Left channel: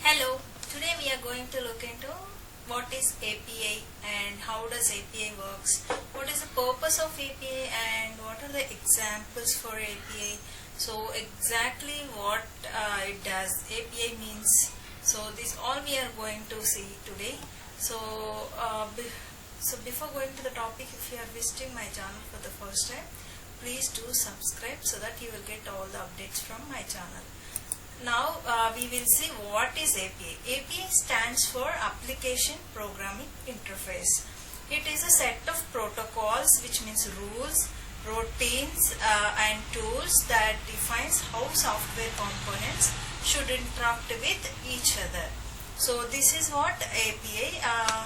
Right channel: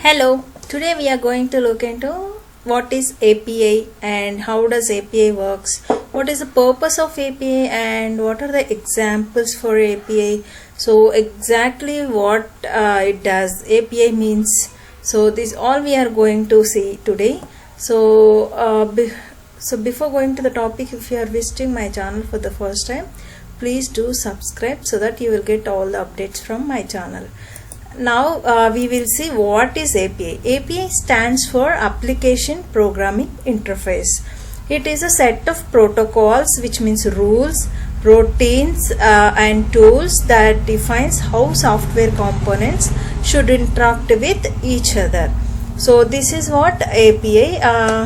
Hello, today we are going to look into what is API and how does API works, what is the purpose of API and what are the examples for API. So exactly what it does, API means. So this all we are going to see today. So before going to the topic, if you are visiting my channel for the first time, please do subscribe so that you will get all the updates from my channel. Now we will see what is API. API stands for Application Programming Interface. It is a set of protocols, which means rules, routines and tools that defines how software components should interact with each other. So this is what API.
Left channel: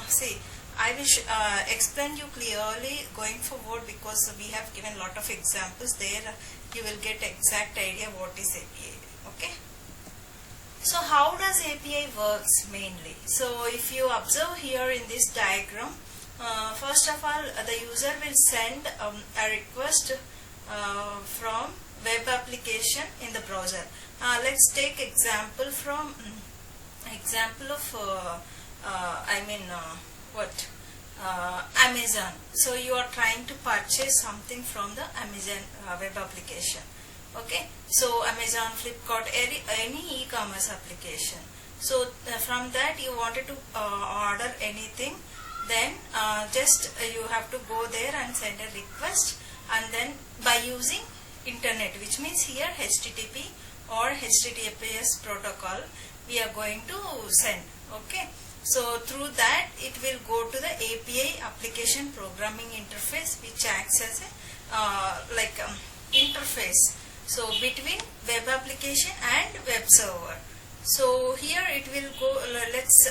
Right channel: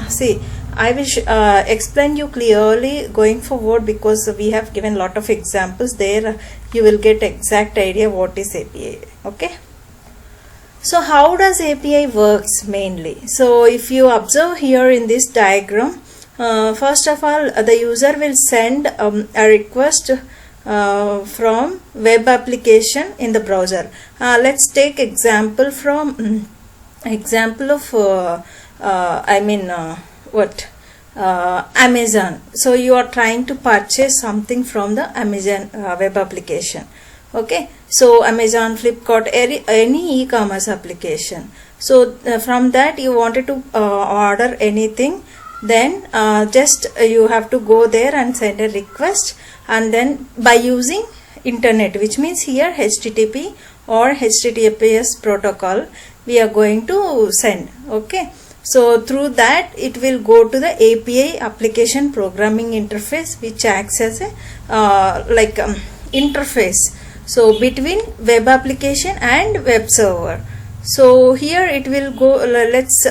See, I will explain you clearly going forward because we have given lot of examples there. You will get exact idea what is API. Okay. So how does API works mainly? So if you observe here in this diagram, first of all the user will send a request from web application in the browser. Let's take example from Amazon. So you are trying to purchase something from the Amazon web application. Okay, so Amazon, Flipkart, any e-commerce application. So from that you wanted to order anything, then just you have to go there and send a request, and then by using internet, which means here HTTP or HTTPS protocol, we are going to send. Okay, so through that it will go to the API, Application Programming Interface, which acts as a interface. So between web application and web server. So here it will go, let's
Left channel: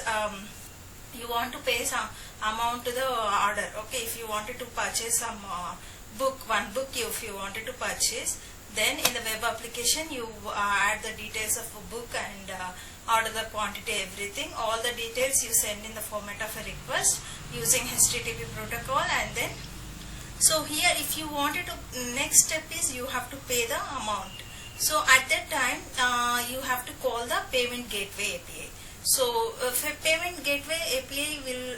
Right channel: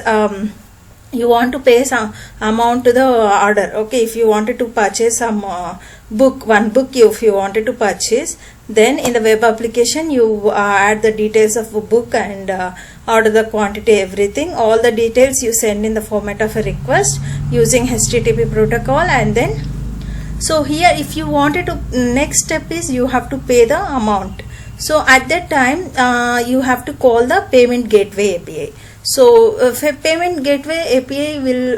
you want to pay some amount to the order. Okay, if you wanted to purchase some one book if you wanted to purchase, then in the web application you add the details of a book and order the quantity, everything, all the details you send in the format of a request using HTTP protocol. And then so here if you wanted to, next step is you have to pay the amount. So at that time you have to call the payment gateway API. So payment gateway API will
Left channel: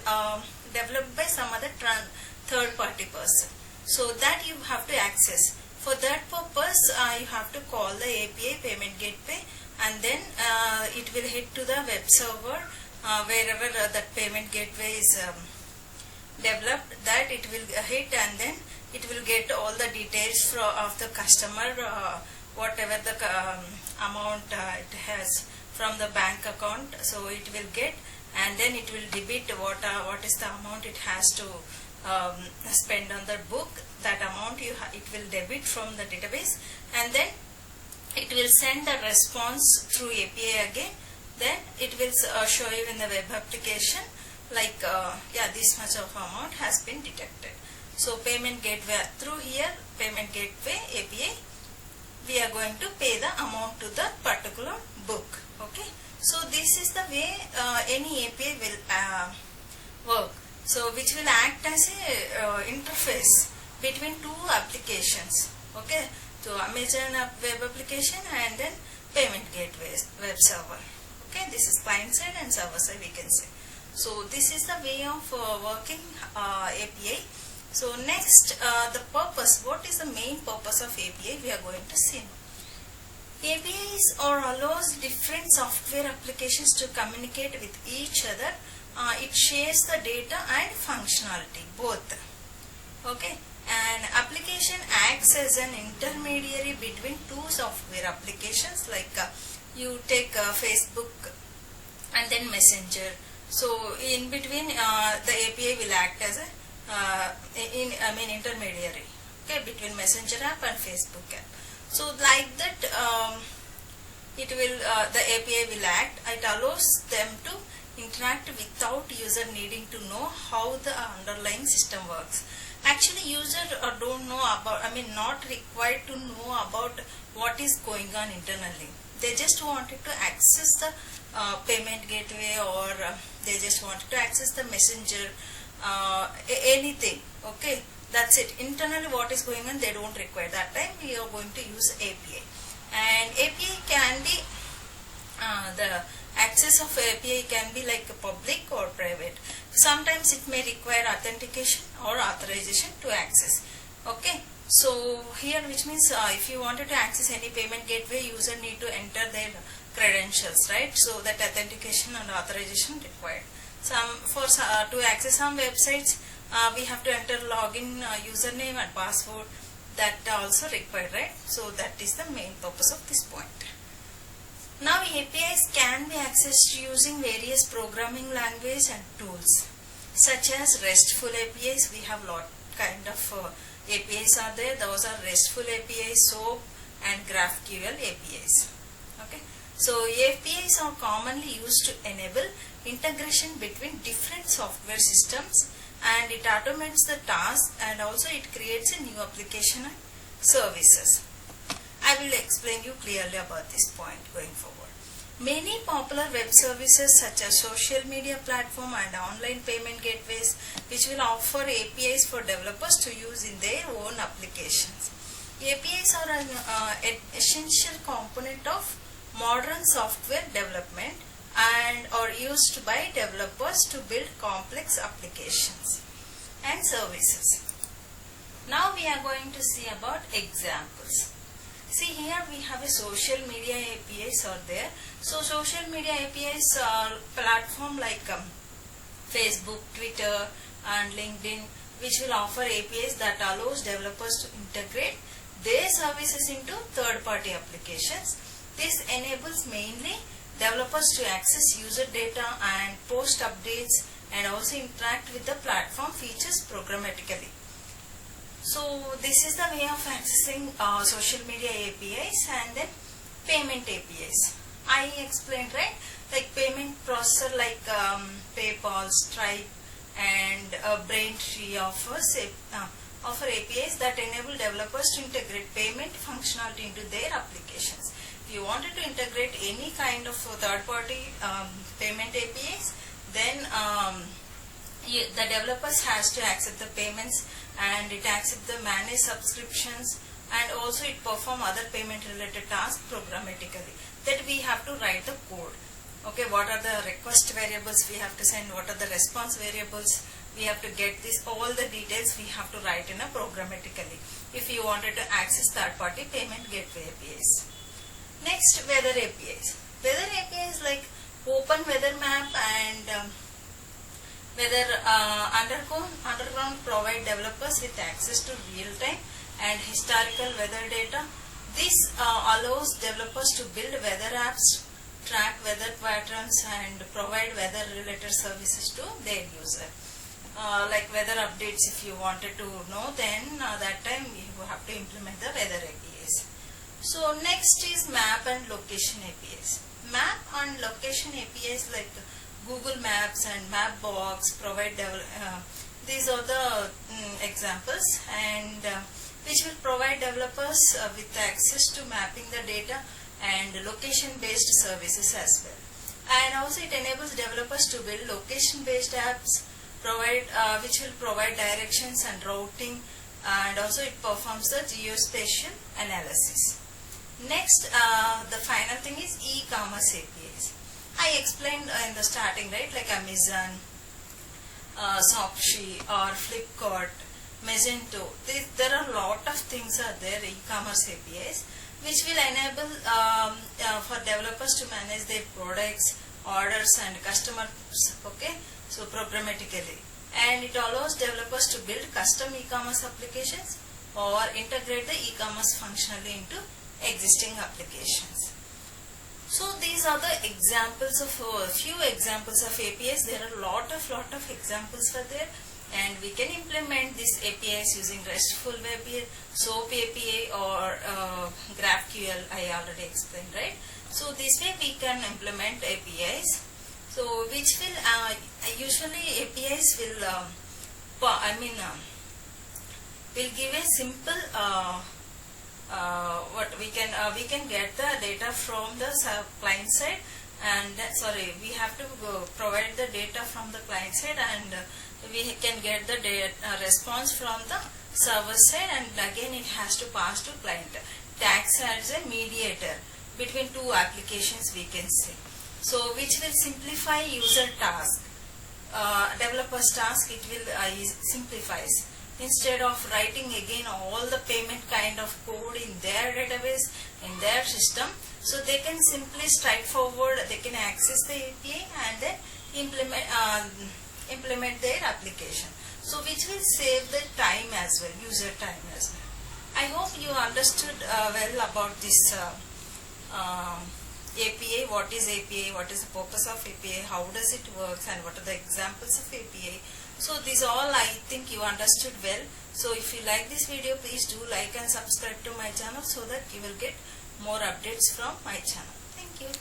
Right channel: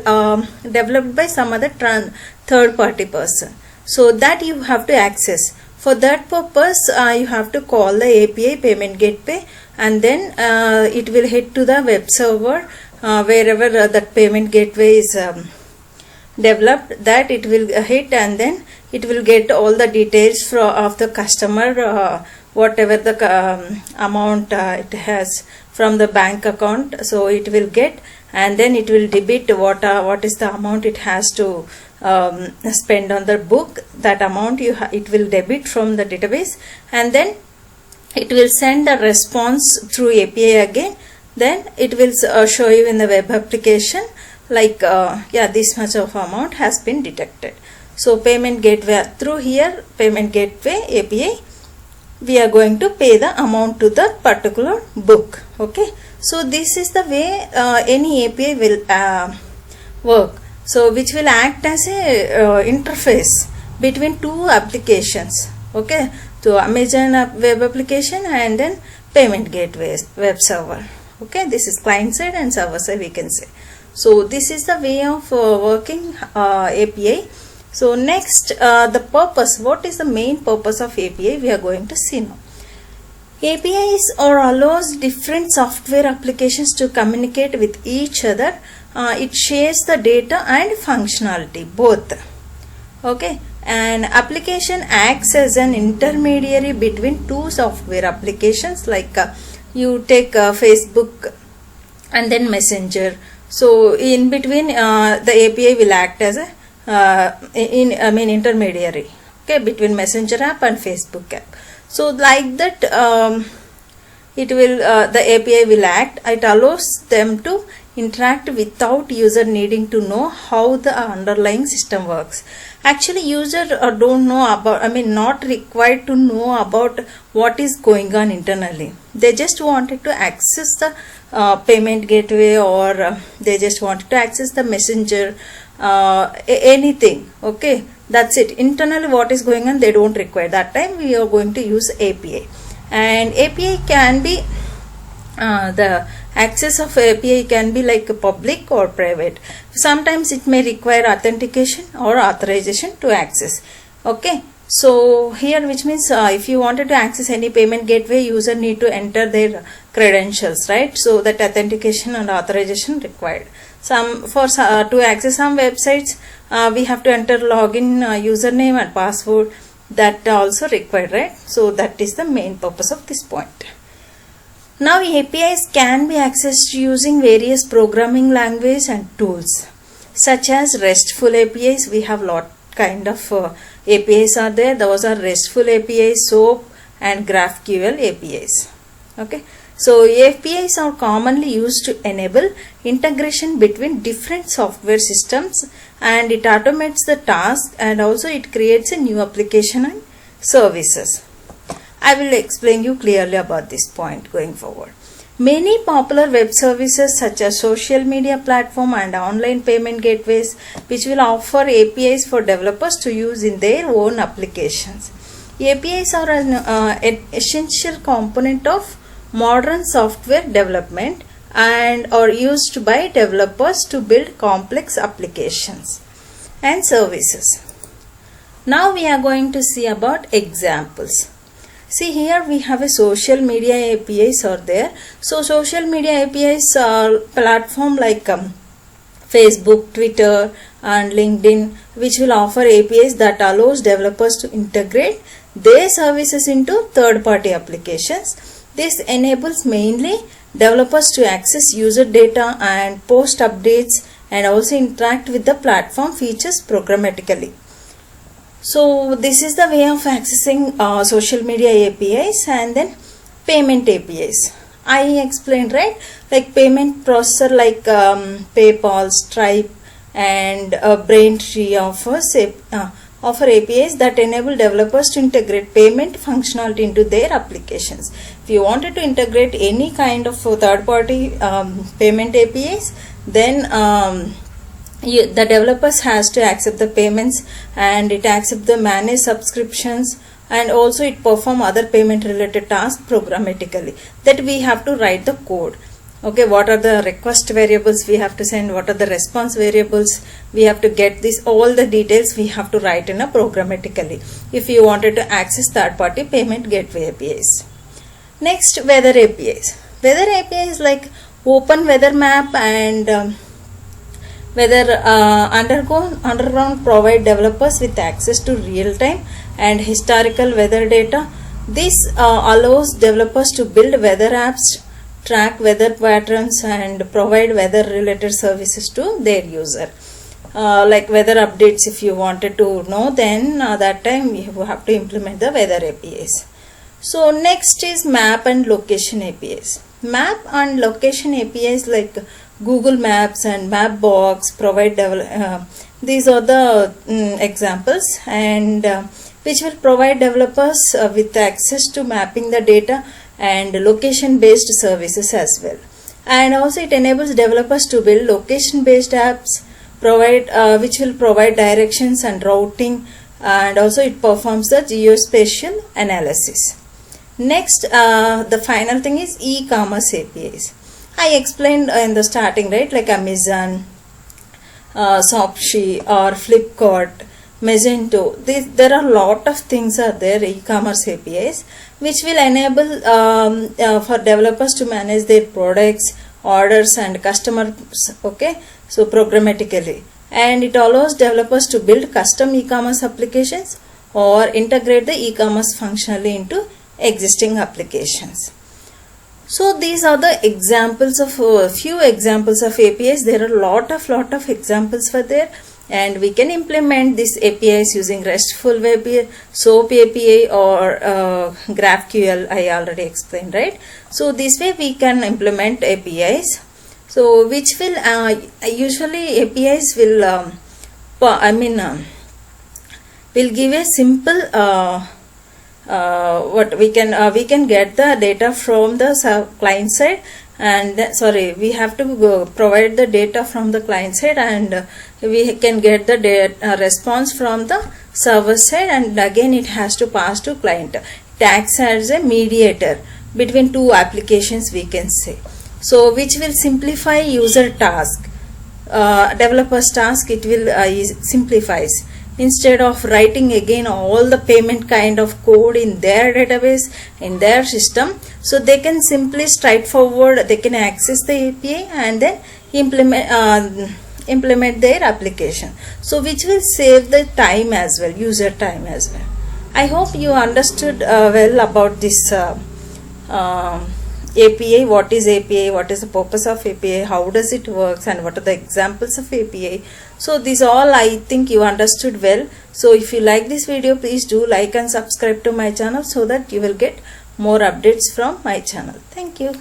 developed by some other third party person, so that you have to access. For that purpose you have to call the API payment gateway, and then it will hit to the web server wherever that payment gateway is developed, that it will hit, and then it will get all the details of the customer, whatever the amount it has from the bank account. So it will get, and then it will debit what is the amount it has to spend on the book. That amount it will debit from the database, and then it will send a response through API again. Then it will show you in the web application like this much of amount has been detected. So payment gateway, through here payment gateway API, we are going to pay the amount to the particular book. Okay, so this is the way any API will work. So which will act as a interface between two applications. Okay, so Amazon web application and then payment gateway web server. Okay, this is client side and server side, we can say. So this is the way of working API. So next, the purpose. What is the main purpose of API? We are going to see now. APIs allows different software applications to communicate with each other. It shares the data and functionality both. Okay, and application acts as an intermediary between two software applications, like you take Facebook and then Messenger. So in between the API will act as a intermediary, okay, between Messenger app and Facebook app. So like that it will the API will act. It allows them to interact without user needing to know how the underlying system works. Actually user don't know about, not required to know about what is going on internally. They just wanted to access the payment gateway, or they just wanted to access the Messenger, anything. Okay, that's it. Internally what is going on they don't require. That time we are going to use API, and API can be the access of API can be like public or private. Sometimes it may require authentication or authorization to access. Okay, so here, which means if you wanted to access any payment gateway, user need to enter their credentials, right? So that authentication and authorization required. To access some websites, we have to enter login username and password, that also required, right? So that is the main purpose of this point. Now APIs can be accessed using various programming language and tools, such as RESTful APIs. We have lot kind of APIs are there. Those are RESTful APIs, SOAP and GraphQL APIs. Okay, so APIs are commonly used to enable integration between different software systems, and it automates the task, and also it creates a new application and services. I will explain you clearly about this point going forward. Many popular web services such as social media platform and online payment gateways, which will offer APIs for developers to use in their own applications. APIs are an essential component of modern software development and are used by developers to build complex applications and services. Now we are going to see about examples. See, here we have a social media APIs are there. So social media APIs are platform like Facebook, Twitter and LinkedIn, which will offer APIs that allows developers to integrate their services into third-party applications. This enables mainly developers to access user data and post updates and also interact with the platform features programmatically. So this is the way of accessing social media APIs. And then payment APIs. I explained, right? Like payment processor like PayPal, Stripe and Braintree offer APIs that enable developers to integrate payment functionality into their applications. If you wanted to integrate any kind of third-party payment APIs, then the developers has to accept the payments, and it accepts the manage subscriptions, and also it perform other payment related tasks programmatically, that we have to write the code. Okay, what are the request variables we have to send, what are the response variables, we have to get this, all the details we have to write in a programmatically if you wanted to access third party payment gateway APIs. Next, weather APIs. Weather APIs like Open Weather Map and Weather Underground provide developers with access to real-time and historical weather data. This allows developers to build weather apps, track weather patterns and provide weather related services to their user. Like weather updates, if you wanted to know, then that time you have to implement the weather APIs. So next is map and location APIs. Map and location APIs like Google Maps and Mapbox provide these are the examples, and which will provide developers with access to mapping the data and location based services as well. And also it enables developers to build location based apps which will provide directions and routing, and also it performs the geospatial analysis. Next, the final thing is e-commerce APIs. I explained in the starting, right, like Amazon, Shopee or Flipkart, Magento. There are a lot of things are there, e-commerce APIs, which will enable for developers to manage their products, orders and customers, okay, so programmatically. And it allows developers to build custom e-commerce applications or integrate the e-commerce functionally into existing applications. So these are the examples of few examples of APIs. There are lot of examples for there, and we can implement these APIs using RESTful API, SOAP API or GraphQL. I already explained, right? So this way we can implement APIs. So which will usually APIs will will give a simple what we can get the data from the client side, and we have to provide the data from the client side, and we can get the data response from the server side, and again it has to pass to client. It acts as a mediator between two applications, we can say. so which will simplify user task, developer's task. It will simplifies. Instead of writing again all the payment kind of code in their database, in their system, so they can simply straightforward, they can access the API and then implement their application, so which will save the time as well, user time as well. I hope you understood well about this API, what is API, what is the purpose of API, how does it works, and what are the examples of API. So these all I think you understood well. So if you like this video, please do like and subscribe to my channel so that you will get more updates from my channel. Thank you.